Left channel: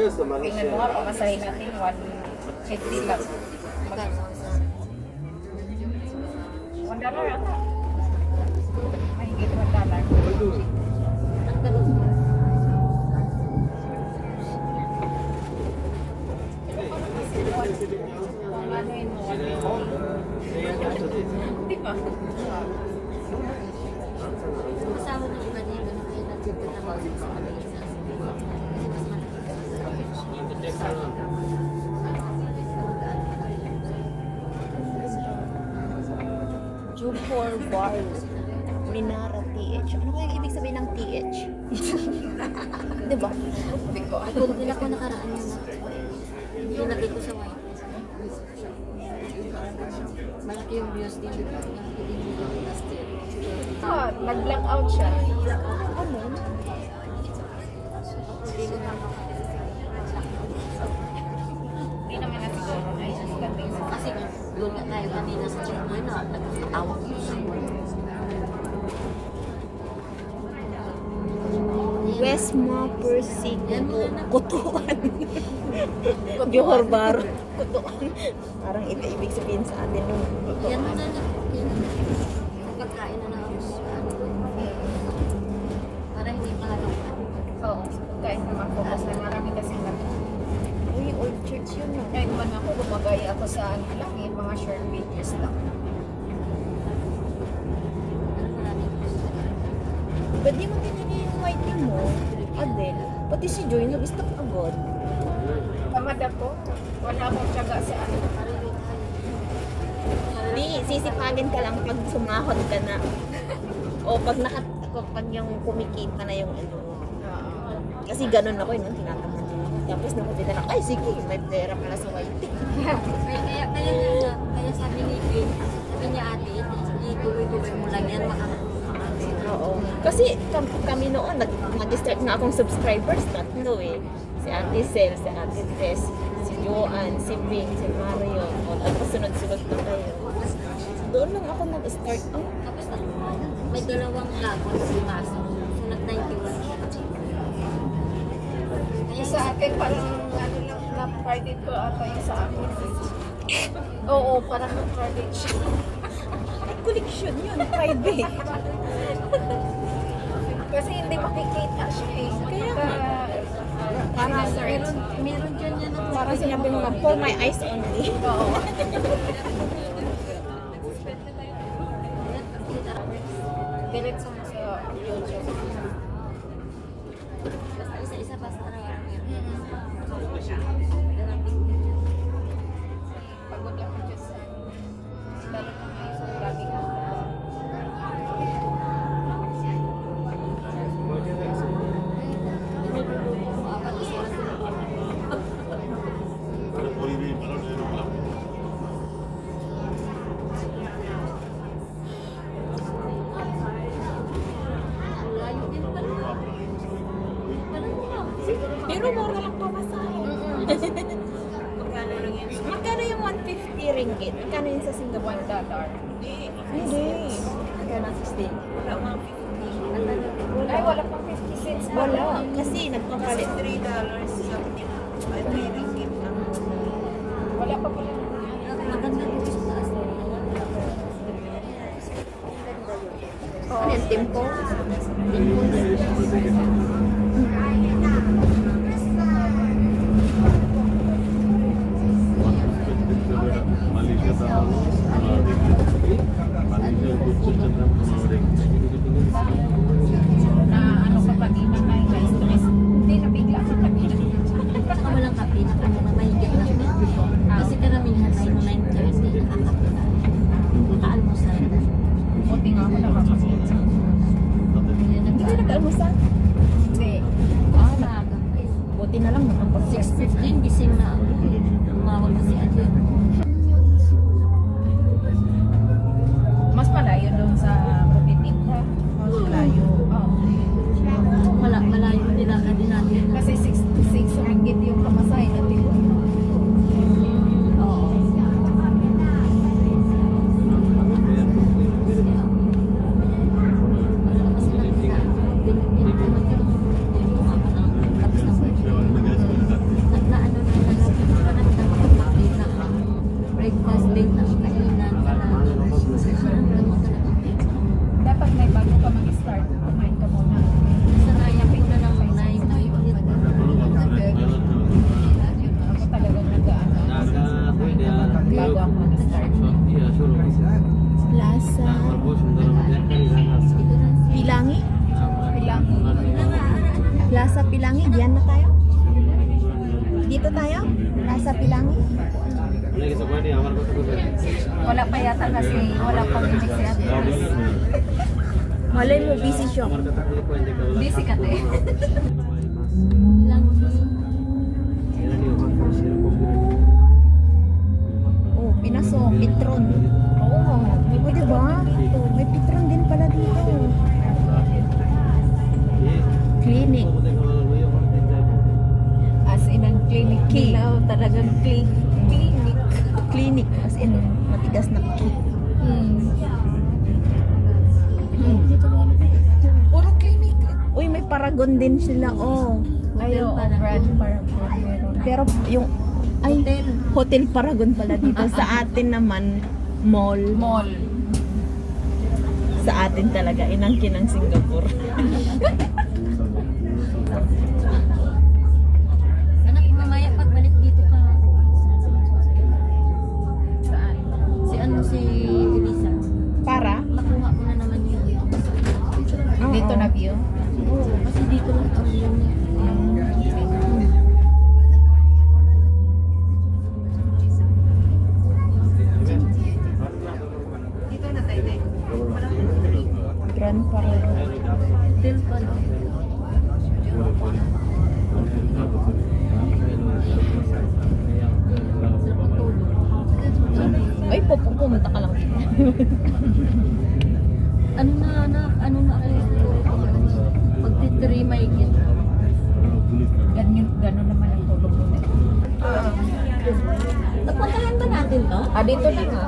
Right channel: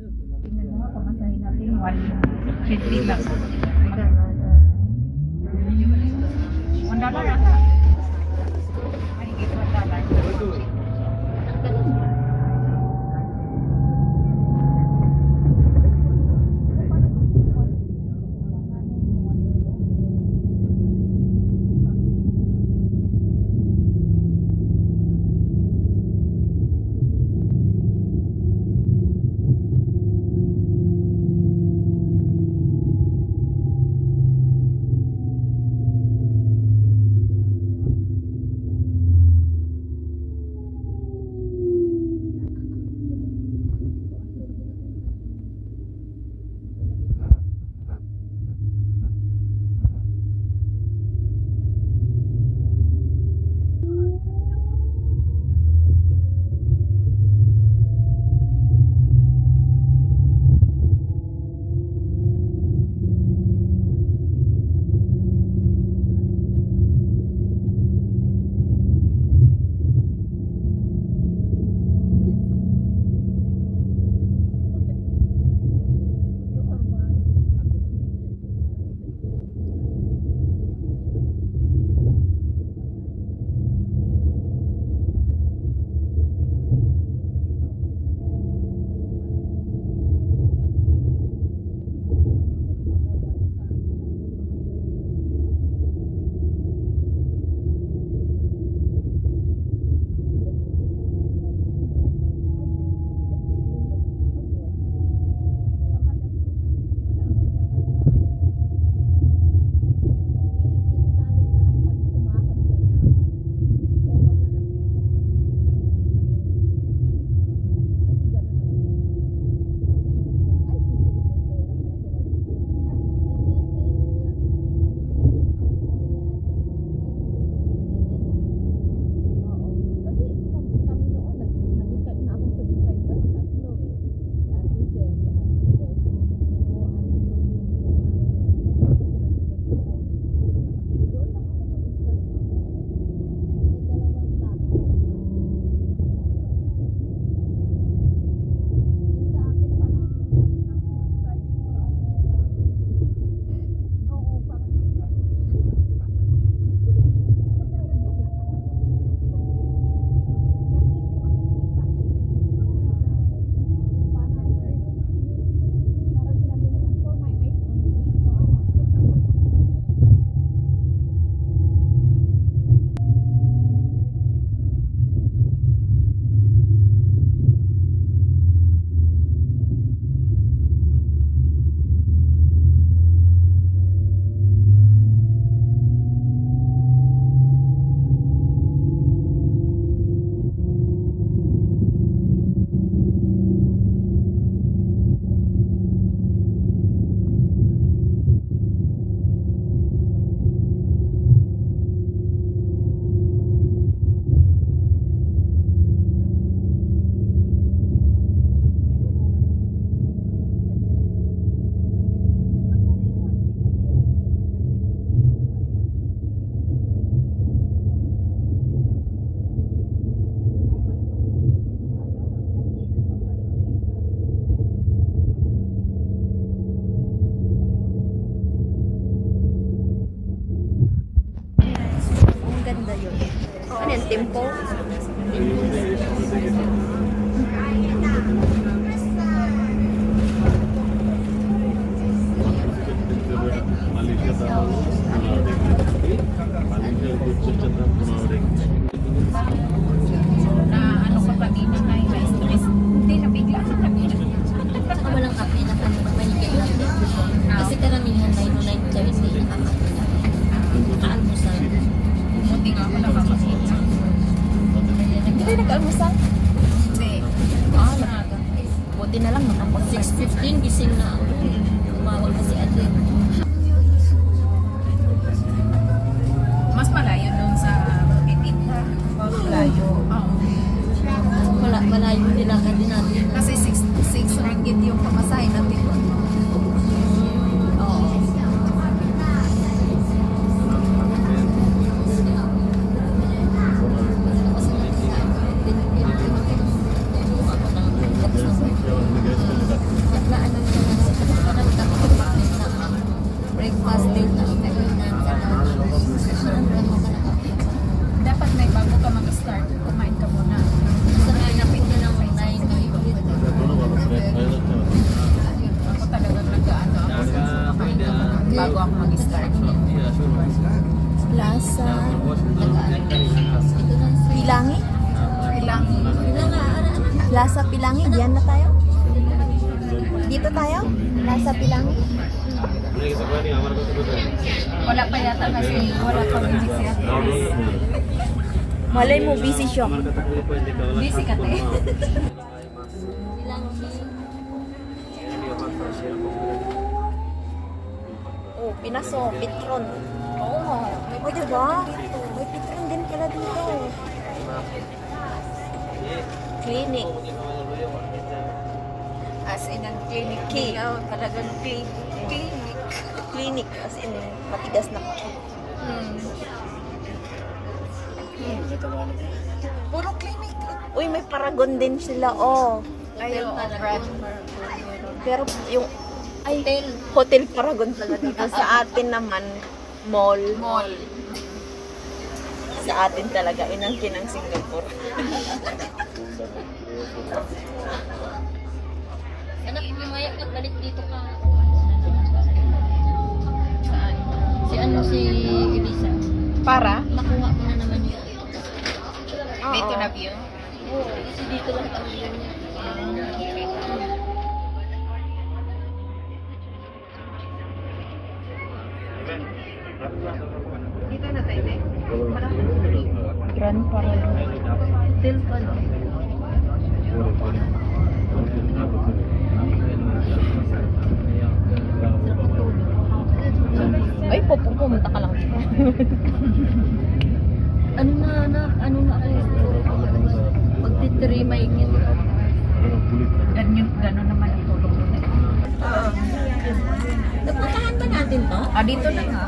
Tingnan mo nga, pamasahin natin $150 lang. $1 ata. Ay, hindi $1. Minara TH. Ano kaya ibig sabihin ng TH? Diba? Hindi ko. Kung pila ko nakaraan yun na. Nilagay ko sa white. Malaki yung views dito. Nag-black out siya. Ano? Hindi naman na siguro. Ay, nagdating sa Kasi doon nga tayo kanina sa German na nagtawag yun. Westma Persig Kutuan. Johor Bahru Kutuan. Parang ibig sabihin sa atin yung Yan na lang. Pagkain na lang ako. Para hindi malalaman. Oo. Kain naman po kasi marami kasi Uy, old church yun na. Ngayon naman ako, gumagaya ako sa ano lang eh, mga short videos lang. Ba't di mo tinigil yung whiting mo? Adel, pati si Joy nag-stop agad. Tamad ako. Wala akong tiyaga sa ano. Di, sisipagin ka lang pag sumahod ka na. O pag pag yung kumikita na yung ano. Kasi ganun ako yun, tinatamad din ako. Tapos nakapita na, ay sige, may pera pala sa whiting. Kaya sabi ni Vin, sabi niya ate, ituloy-tuloy mo lang yan, Oo. Kasi kami noon, nag-start na akong subscribers, tatlo eh. Si Ate Sel, si Ate Tess, si Joanne, si Pink, si Mario. O, tapos sunod-sunod na kayo. Doon lang ako nag-start. Oh, Tapos may dalawang lagon si Maso. So nag-91 siya. Yung sa akin, parang ano lang, na-credit ko ata yung sa akin. Oo, parang na-credit siya. may collection yun, Friday. Kasi hindi makikita siya eh. Kaya nga. Parang Meron dyan yan ang Parang sinabi mo nga, for my eyes only. oo. Galit sa YouTube. basta isa-isa basta na meron. Pagod ako dyan sa lalo na may isang laging Pero mura lang pamasahe. magkano lang yan. Magkano yung 150 ringgit? Magkano yun sa Singapore? $1. Hindi. Magkano 60? Wala mga 50. Ay, wala pang 50 cents. Wala. Kasi nagpapalit. Wala pa pala. Maganda yung sa taas. Ang ganda yun. Ano yan? Tempo? Ano ka pa di na kayo guys? Hindi na bigla sa kanina. Saka walang kape na mahigit lang. Kasi karamihan na yung 9:30 nakakapila. Kaalmusal. Buti nga ako nakakakita. Hindi kayo nag-almusal? Hindi. Ah, maaga. Buti na lang nakapag 6:15 gising na ako. Tumawag na si ate. Mas malayo dun sa Bukit pa. Malayo. Malayo nila ka din natin. Kasi 6 ringgit yung pamasahe natin. Oo. Plaza Pilangi, diyan na tayo? Dito tayo? Plaza Pilangi? Wala pa yata kasi wala pa rin si ate. Malay mo, busy siya. Busy ka te. Ilang Oh, Pinaso, Petron. Oo. Oh, diba? May Petron din pala dito. Clinic. As in ang clinic Key. daw, talagang clinic. Clinic. As in, matigas na key. Puro clinic. Uy, may Paragon din sila, oh. Ay, oo, brand Paragon meron. Pero yung Hotel. Hotel Paragon pala dito. Sa atin naman, mall. Mall. Sa atin talaga, inangkin ng Singapore. Anak, mamaya pagbalik dito ka. Saan? Si ano si Elisa. Para? Makuha mo na naman yun dito. Oo. Dito na view. Siguro. Kasi dito lang ang view niya. Dito na tayo. Grand Paragon. Hotel pa no? Ay, pumunta ka lang dito. Ano na anak? Ano na ako? Magtitiri may ikit. Ganun naman ang tulog nila. Napuntahan ba natin to? Dito na nga.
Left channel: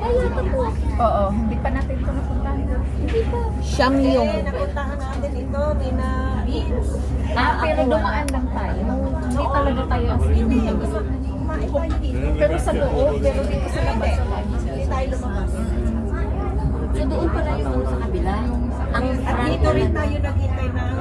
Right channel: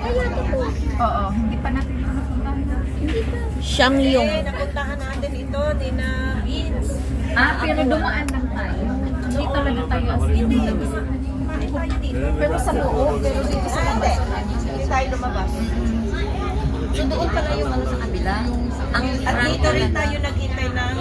Ay, ito po. Oo, hindi pa natin ito napuntahan. Hindi pa. Shangyong. Napuntahan natin ito, Nina Beans. Pero dumaan lang tayo. Hindi talaga tayo as in. Pero sa loob, pero dito sa labas. Hindi tayo lumabas. So doon pala yung ano sa kabila. Ang At dito rin tayo naghintay ng